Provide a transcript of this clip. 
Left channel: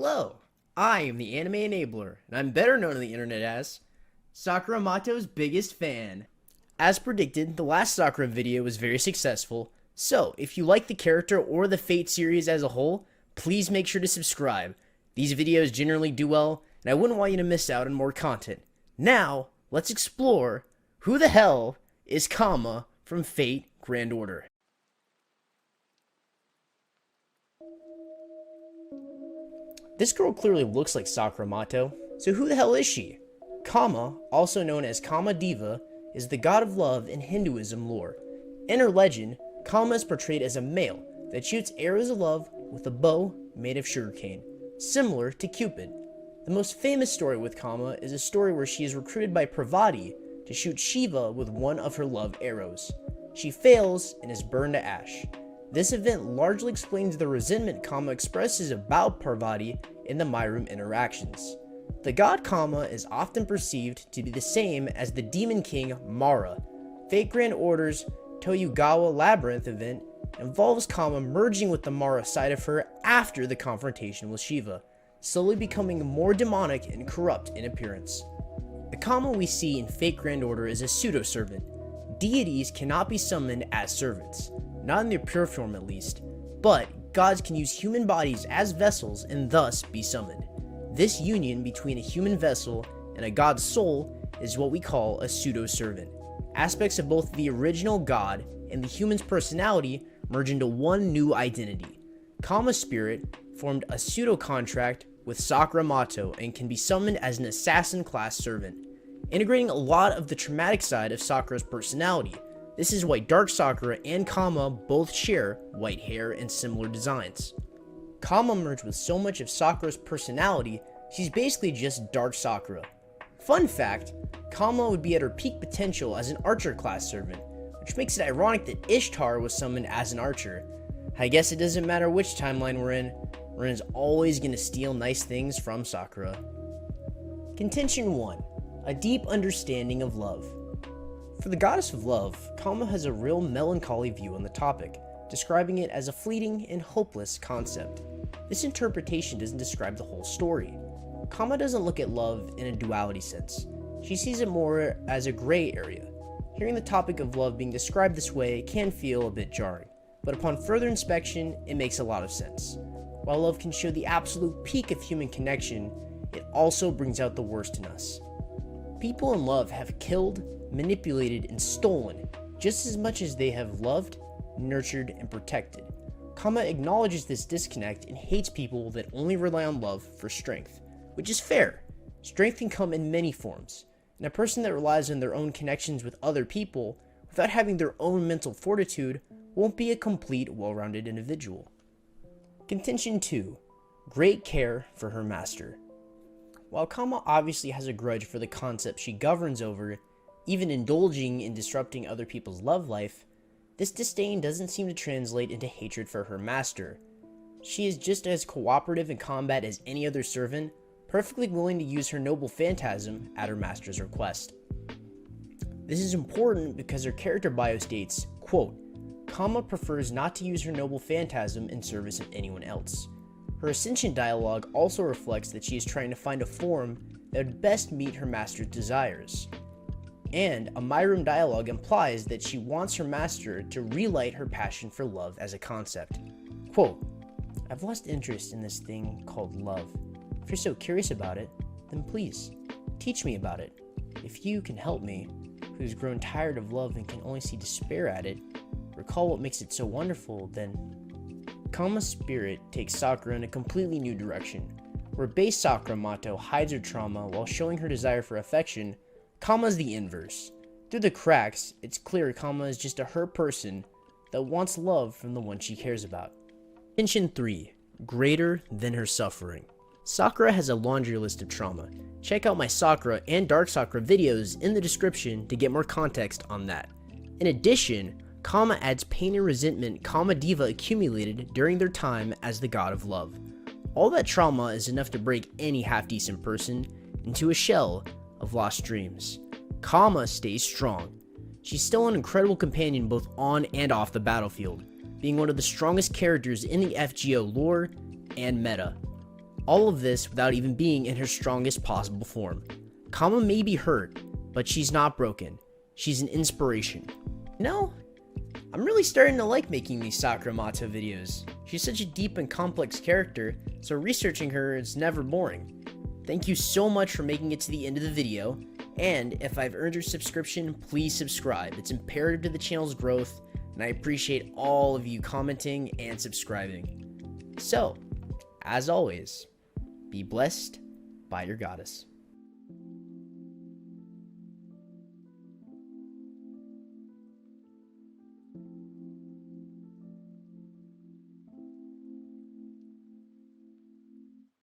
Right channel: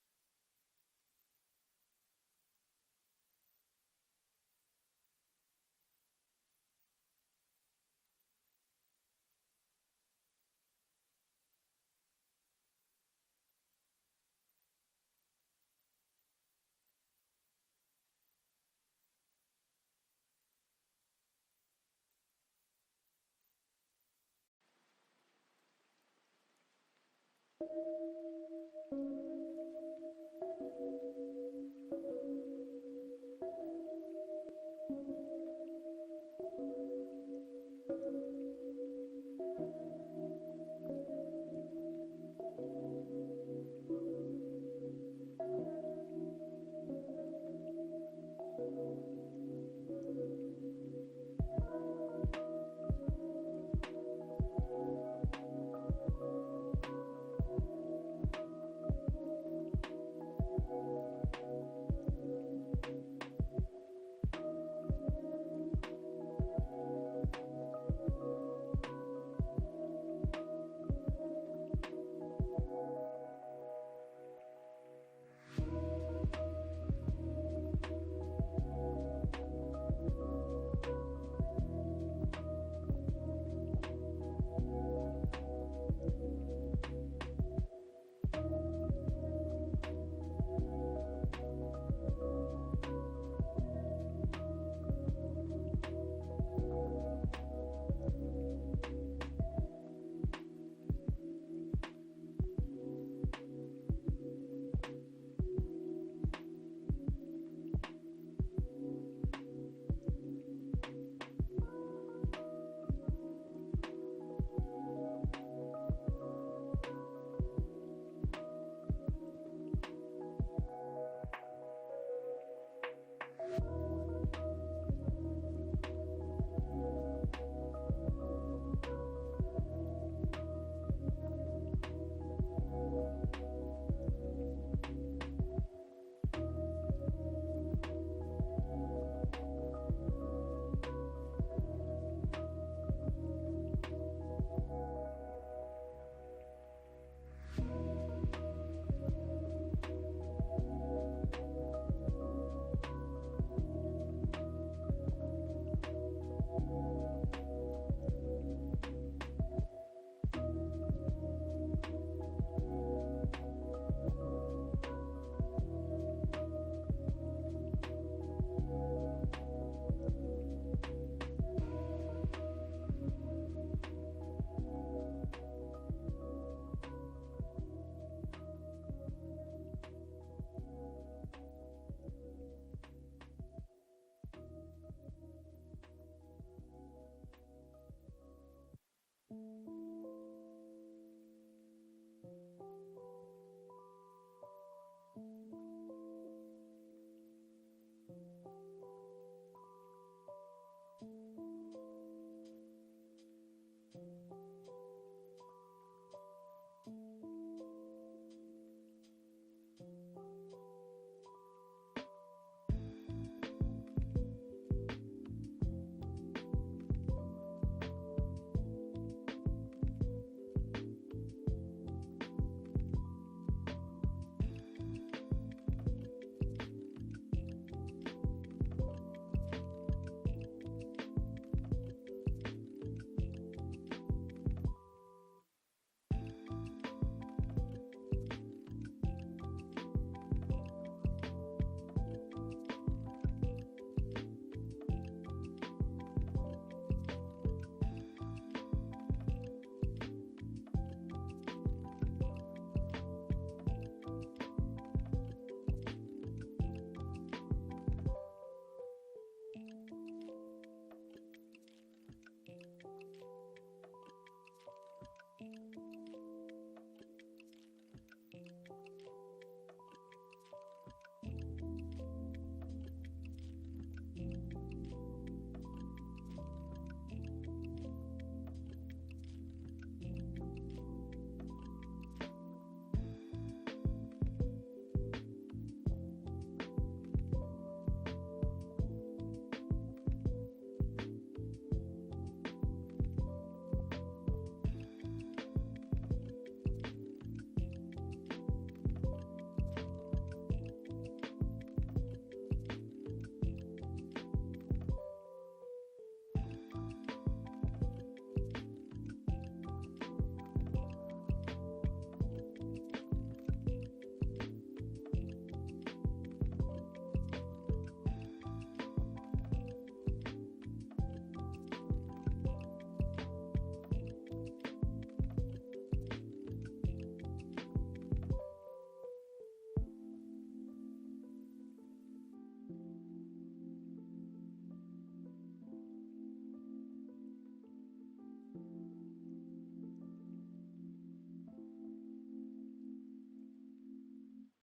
Hello, I am the Anime Enabler, and I'm better known on the internet as Sakura Matou's biggest fan. As predicted, the last Sakura video was very successful, so if you like the character or the Fate series as a whole, please make sure to subscribe. These videos generally do well, and I wouldn't want you to miss out on more content. Now, let's explore who the hell is Kama from Fate Grand Order. This girl clearly looks like Sakura Matou, so who the hell is she? Kama, also known as Kama Deva, is the god of love in Hinduism lore. In her legend, Kama is portrayed as a male that shoots arrows of love with a bow made of sugarcane, similar to Cupid. The most famous story with Kama is a story where she is recruited by Parvati to shoot Shiva with one of her love arrows. She fails and is burned to ash. This event largely explains the resentment Kama expresses about Parvati in the My Room interactions. The god Kama is often perceived to be the same as the demon king Mara. Fate Grand Order's Toyogawa Labyrinth event involves Kama merging with the Mara side of her after the confrontation with Shiva, slowly becoming more demonic and corrupt in appearance. The Kama we see in Fate Grand Order is a pseudo-servant. Deities cannot be summoned as servants, not in their pure form at least, but gods can use human bodies as vessels and thus be summoned. This union between a human vessel and a god's soul is what we call a pseudo-servant. Aspects of both the original god and the human's personality merge into one new identity. Kama's spirit formed a pseudo-contract with Sakura Matou and can be summoned as an assassin-class servant, integrating a lot of the traumatic side of Sakura's personality. This is why Dark Sakura and Kama both share white hair and similar designs. Kama merged with so much of Sakura's personality, she's basically just Dark Sakura. Fun fact, Kama would be at her peak potential as an archer class servant, which makes it ironic that Ishtar was summoned as an archer. I guess it doesn't matter which timeline we're in is always going to steal nice things from Sakura. Contention 1. A deep understanding of love. For the goddess of love, Kama has a real melancholy view on the topic, describing it as a fleeting and hopeless concept. This interpretation doesn't describe the whole story. Kama doesn't look at love in a duality sense. She sees it more as a gray area. Hearing the topic of love being described this way can feel a bit jarring, but upon further inspection, it makes a lot of sense. While love can show the absolute peak of human connection, it also brings out the worst in us. People in love have killed, manipulated, and stolen just as much as they have loved, nurtured, and protected. Kama acknowledges this disconnect and hates people that only rely on love for strength, which is fair. Strength can come in many forms, and a person that relies on their own connections with other people without having their own mental fortitude won't be a complete, well-rounded individual. Contention 2. Great care for her master. While Kama obviously has a grudge for the concept she governs over, even indulging in disrupting other people's love life, this disdain doesn't seem to translate into hatred for her master. She is just as cooperative in combat as any other servant, perfectly willing to use her noble phantasm at her master's request. This is important because her character bio states, quote, Kama prefers not to use her noble phantasm in service of anyone else. Her ascension dialogue also reflects that she is trying to find a form that would best meet her master's desires. And a My Room dialogue implies that she wants her master to relight her passion for love as a concept. Quote, I've lost interest in this thing called love. If you're so curious about it, then please, teach me about it. If you can help me, who's grown tired of love and can only see despair at it, recall what makes it so wonderful, then Kama's spirit takes Sakura in a completely new direction. Where base Sakura Matou hides her trauma while showing her desire for affection, Kama's the inverse. Through the cracks, it's clear Kama is just a hurt person that wants love from the one she cares about. Contention 3. Greater than her suffering. Sakura has a laundry list of trauma. Check out my Sakura and Dark Sakura videos in the description to get more context on that. In addition, Kama adds pain and resentment Kama Deva accumulated during their time as the god of love. All that trauma is enough to break any half-decent person into a shell of lost dreams. Kama stays strong. She's still an incredible companion both on and off the battlefield, being one of the strongest characters in the FGO lore and meta. All of this without even being in her strongest possible form. Kama may be hurt, but she's not broken. She's an inspiration. You know, I'm really starting to like making these Sakura Matou videos. She's such a deep and complex character, so researching her is never boring. Thank you so much for making it to the end of the video, and if I've earned your subscription, please subscribe. It's imperative to the channel's growth, and I appreciate all of you commenting and subscribing. So, as always, be blessed by your goddess.